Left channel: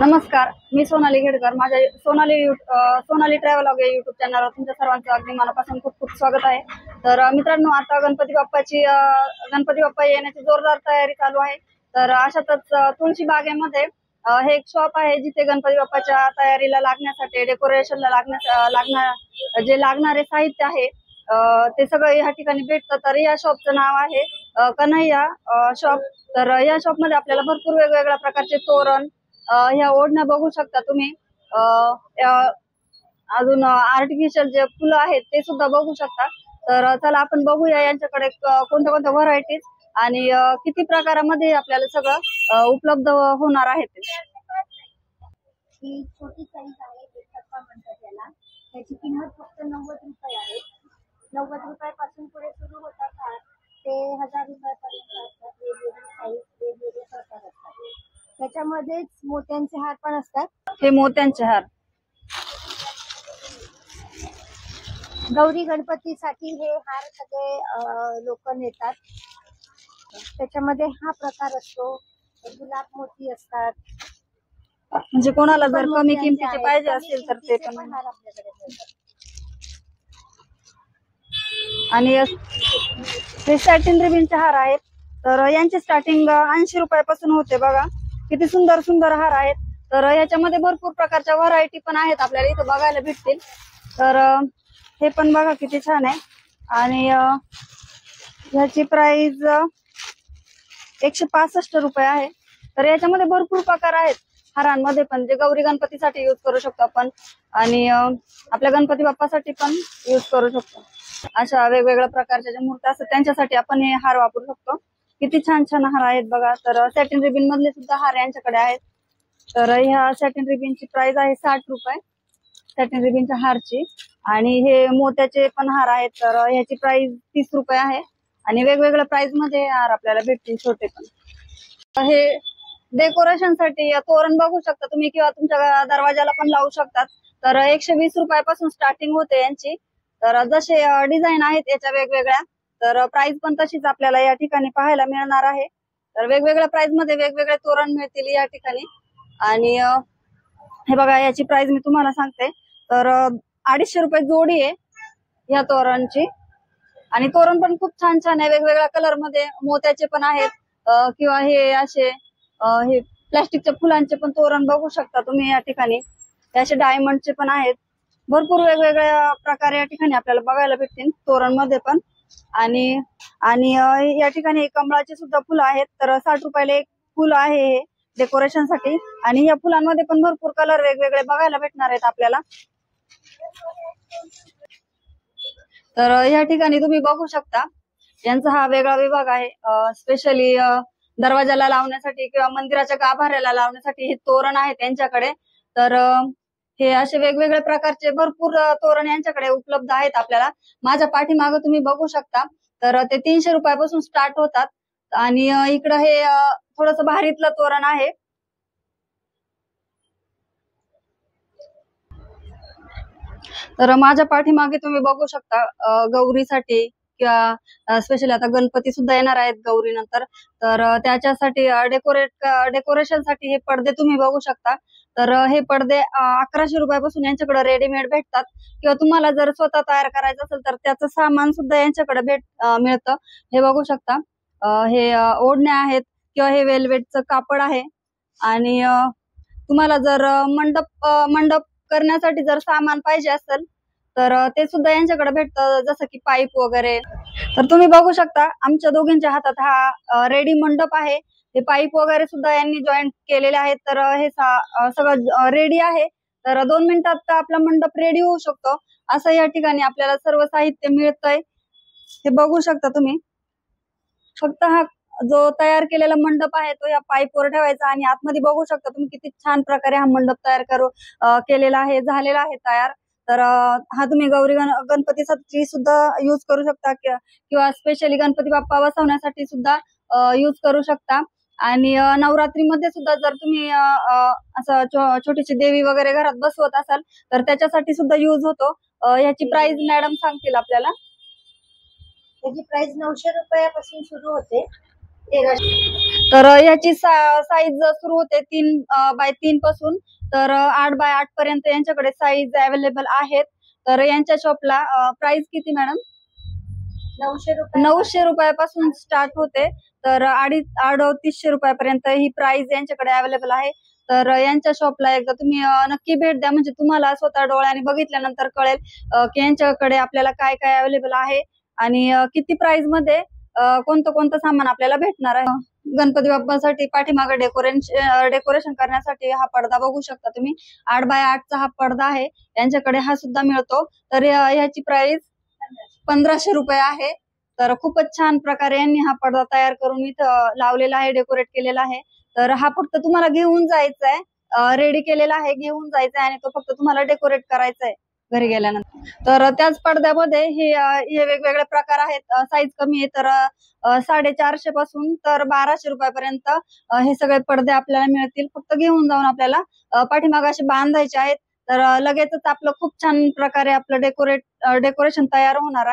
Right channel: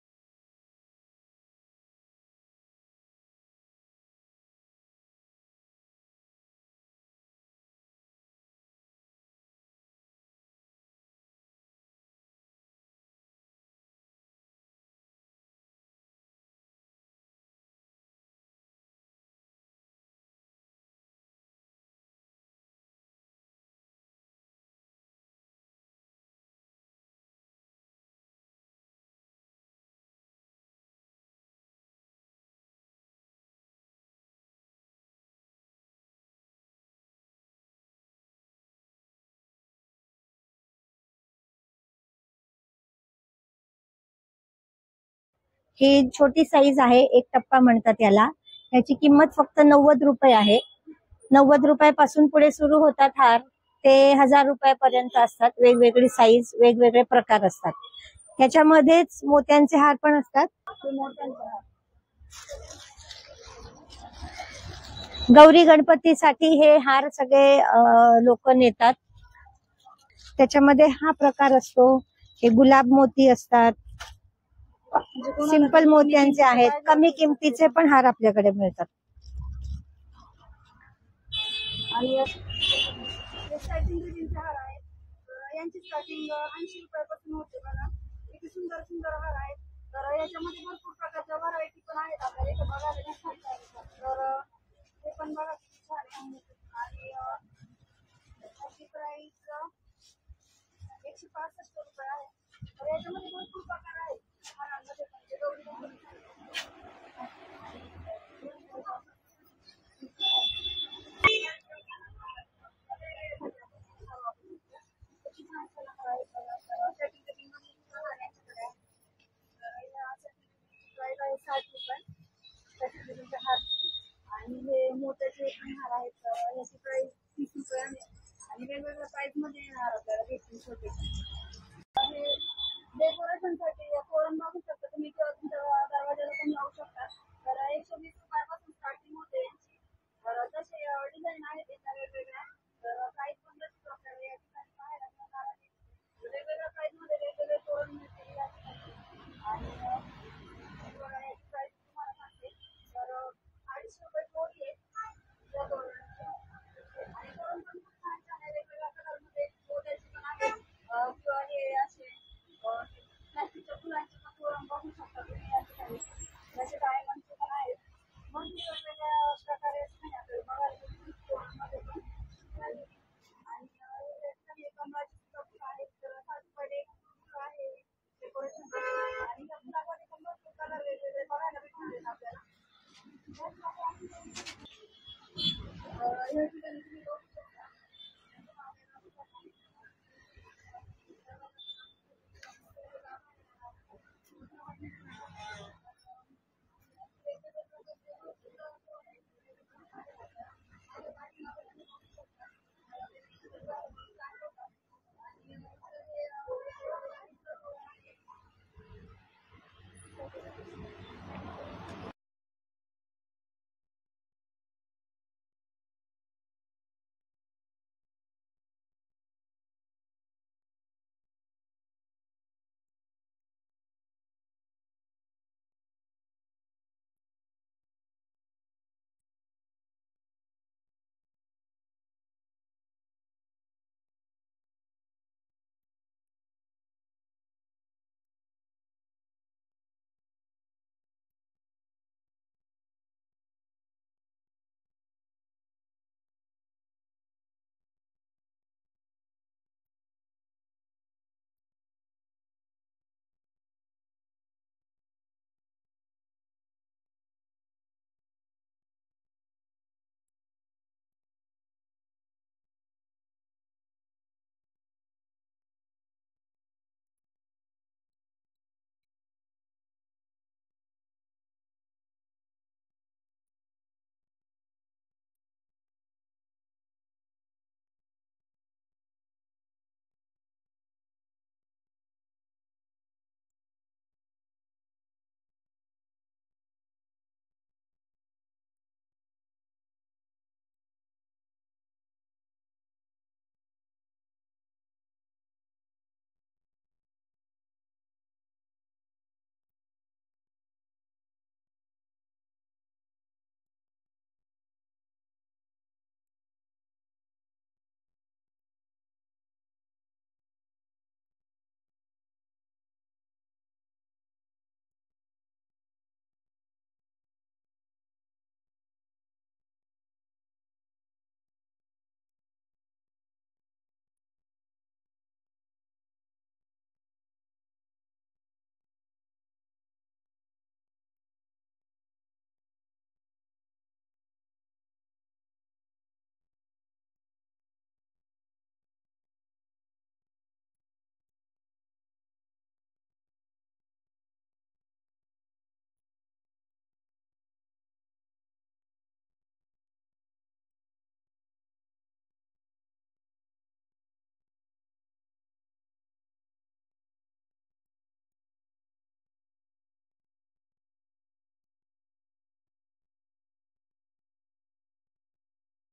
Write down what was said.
नमस्कार, मी सोनाली घेडकर. माझ्या सोनाली ट्रॅव्हलॉग या युट्यूब चॅनलवर तुमच्या सर्वांचं अगदी मनापासून खूप खूप स्वागत आहे. तर मित्रांनो, आता गणपती बाप्पा येण्याची जोरदार तयारी चालू आहे. तर अशातच तुळशी बागेमध्ये हे एक शॉप आहे जिथे गणपती बाप्पाच्या तयारीला लागण्यासाठी डेकोरेशनला जे लागणारे साहित्य आहे ते सगळं या ठिकाणी भेटतं. तर या शॉपचं नाव आहे कन्हैया शॉप. तर या शॉप मध्ये आपल्याला भरपूर वेगवेगळ्या प्रकारचे तोरण, ह्या ओढण्या बघू शकता तुम्ही. अजून आर्टिफिशियल जे फुलं आहेत ते सुद्धा बघू शकता. तर चला आपण बघूया यांच्याकडे कोणत्या कोणत्या व्हरायटीज आणि किती प्रकारामध्ये आपल्याला सगळं उपलब्ध होणार आहे ते. ही छोटी साईज आहे, एक टप्पा म्हणतात याला. याची किंमत फक्त 90 रुपये आहे. 90 रुपयापासून पुढे सुरू होतात हार, ते 1000 रुपयापर्यंत असतात. वेगवेगळी साईज, वेगवेगळे प्रकार असतात. त्याच्यामध्येच मोत्यांचे हार पण असतात. हे मोत्यांचे हार गौरी गणपतीसाठी हे हार सगळे लोक नेतात. त्याच्यामध्ये हा प्रकार असतो. हे गुलाब मोती असतात. म्हणजे कोणाला जर मोत्यांचे आहेत, कमी किमतीचे पण हार आपल्याकडे मिळतात. आणि हे सॅटिन रिबिनचे हार आहेत. तर यांची स्टार्टिंग 80 रुपयापासून होते. बघा किती सुंदर सुंदर हार आहेत. तर याच्यामध्ये भरपूर प्रकारच्या व्हरायटी पण आहेत, आपल्याला इथं बघायला भेटतील. तर हे पण बघा किती छान आहे. आणि ह्याची प्राइस 165 रुपये आहे. तर याच्यामध्ये भरपूर प्रकार आहेत हारांमध्ये पण, जे गौरी गणपतीसाठी यूज करू शकतो आपण आणि आपल्या गणपती बाप्पासाठी पण यूज करू शकतो. अशा वेगवेगळ्या प्रकारच्या ज्या मूर्ती असतात त्यांच्यासाठी आपण हे हार वापरू शकतो. किती छान छान हार आहेत बघा. तर सॅटिन रिबिन मधले सुद्धा हार यांच्याकडे आहेत. तर ह्या सॅटिन रिबिनची प्राइस आहे 60 रुपये सॅटिन रिबिनच्या हारची. आणि हे मोत्याचे पण हार आहेत. तर ह्याची प्राइस 30 रुपये आहे. आणि वेगवेगळ्या प्राइस मध्ये हार आपल्याला भेटतील छोटे पण. हे डेकोरेशन साठी तोरण बघू शकता तुम्ही, किंवा तुमच्या दरवाजाला पण लावू शकतात. तर 120 रुपयापासून स्टार्टिंग होते यांची. तर जसे डिझाईन आहेत याच्या वेगवेगळ्या, तर प्राइस पण तशीच आपल्याला या ठिकाणी पाहायला मिळणार आहे. तर वेगवेगळ्या प्राइस मध्ये वेगवेगळे तोरण मिळतील या ठिकाणी. आणि हे बघा, याची प्राइस मी तुम्हाला सांगते. तर 250 रुपये जोडी आहे या तोरणची. आणि तोरण पण खूप छान छान आहे, वेगवेगळ्या कलर मध्ये. मोत्याचे पण आहेत किंवा हे असे हे प्लास्टिकच्या फुलांचे पण तोरण बघू शकता तुम्ही या ठिकाणी. हे असे डायमंडचे पण आहेत. भरपूर वेगवेगळ्या प्रकारे या ठिकाणी आपल्याला बघायला भेटतील तोरण मध्ये पण. आणि आणि या ठिकाणी कमळाचे सुद्धा फुलं आहेत. तर 60 रुपयाला एक फुल आहे हे डेकोरेशन साठी. आणि या फुलांमध्ये पण भरपूर कलर वेगवेगळे बघायला भेटणार आहेत आपल्याला. तर या ठिकाणी तुम्ही बघू शकता यांचा हा वेगळा विभाग आहे. स्पेशली दरवाजाला लावण्यासाठी किंवा मंदिराच्या गाभाऱ्याला लावण्यासाठी हे तोरण आहे त्यांच्याकडे. तर हे असे वेगवेगळ्या प्रकारचे भरपूर तोरण यांच्याकडे उपलब्ध आहेत आपल्याला. माझ्या पाठीमागे तुम्ही बघू शकता. तर ते 300 रुपयापासून स्टार्ट होतात. आणि इकडं हे थोडस भारीतलं तोरण आहे. तर माझ्या पाठीमागे तुम्ही बघू शकता गौरीसाठी किंवा स्पेशली आता गणपती सुद्धा येणार आहेत गौरी नंतर. तर त्याच्यासाठी डेकोरेशन साठी हे पडदे तुम्ही बघू शकता. तर हे पडदे 1100 रुपयापासून यांच्याकडे रेडीमेड भेटतात. किंवा तुम्हाला जर स्वतः तयार करायचं असेल तर त्याचं सामान सुद्धा यांच्याकडे मिळतं. हे बघू शकता. हे ओढण्या आहेत किंवा हे वेल्वेटचं कापड आहे. आणि तुम्हाला जर मंडप करण्यासाठी जर सामान पाहिजे असेल तर ते सुद्धा यांच्याकडे भेटतं, जसं की पाईप वगैरे. तर तुम्ही बघू शकता आमच्या दोघींच्या हातात हा रेडी मंडप आहे. हे पाईप वगैरे सुद्धा यांनी जॉईंट केलेले आहेत. तर हे सगळं रेडी आहे. तर 2 मिनिटात आपला मंडप रेडी होऊ शकतो. असं या ठिकाणी आपल्याला सर्व साहित्य मिळतंय. हे बघू शकता तुम्ही. फक्त हा जो तयार केलेला मंडप आहे तो या पाईपवर ठेवायचा. आणि आतमध्ये बघू शकता तुम्ही किती छान प्रकारे हा मंडप तयार केलेला आहे, झालेला आहे तयार. तर हा तुम्ही गौरी गणपतीसाठी सुद्धा युज करू शकता किंवा स्पेशली गणपती बाप्पा बसवण्यासाठी सुद्धा युज करू शकता. आणि नवरात्रीमध्ये सुद्धा जर तुम्ही असं छोटीशी देवी वगैरे घरात बसवत असाल तर त्याच्यासाठी सुद्धा युज होतो. ह्याची प्राइस मॅडम सांगतील आपल्याला. त्याची प्राइस 900 रुपयापासून सुरू होते. 1300. तर याची साईज सुरू होते 3x3 पासून तर 8x8 पर्यंत यांच्याकडे साईज अवेलेबल आहेत. तर यांच्या शॉपला प्राइस किती मॅडम? 900 रुपयापासून स्टार्ट होते तर 350 रुपयापर्यंत ही प्राइस यांच्याकडे अवेलेबल आहे. तर यांच्या शॉपला एकदा तुम्ही नक्की भेट द्या, म्हणजे तुम्हाला स्वतः डोळ्याने बघितल्यानंतर कळेल की यांच्याकडे आपल्याला काय काय अवेलेबल आहे आणि किती प्राइस मध्ये कोणतं कोणतं सामान आपल्याला भेटणार आहे. गणपती बाप्पासाठी पाठीमागे डेकोरेशन करण्यासाठी हा पडदा बघू शकता तुम्ही. 8x8 चा हा पडदा आहे, यांच्याकडे हा सुद्धा मिळतो. तर ह्याची प्राइस 1500 रुपये आहे. तर खूपच छान प्रकारे यांनी हा पडदा तयार करून इथं लावलेला आहे, डेकोरेट केलेला आहे. तर हा फक्त तुम्हाला घेऊन जायचा आहे, रेडी केलेला आहे, घेऊन जायचा आहे आणि तो फक्त तुम्हाला डेकोरेट करायचा आहे घरी गेल्यानंतर. तर त्याच पडद्यामध्ये हे वेगवेगळे प्रकार आहेत. साईज कमी आहे तर 450 पासून तर 1200 रुपयापर्यंत हे सगळे पडदे आपल्याला मिळतील. फक्त घेऊन जाऊन आपल्याला पाठीमागे असे बांधायचे आहेत. तर लगेचच आपलं खूप छान प्रकारे आपलं डेकोरेशन तयार होणार आहे.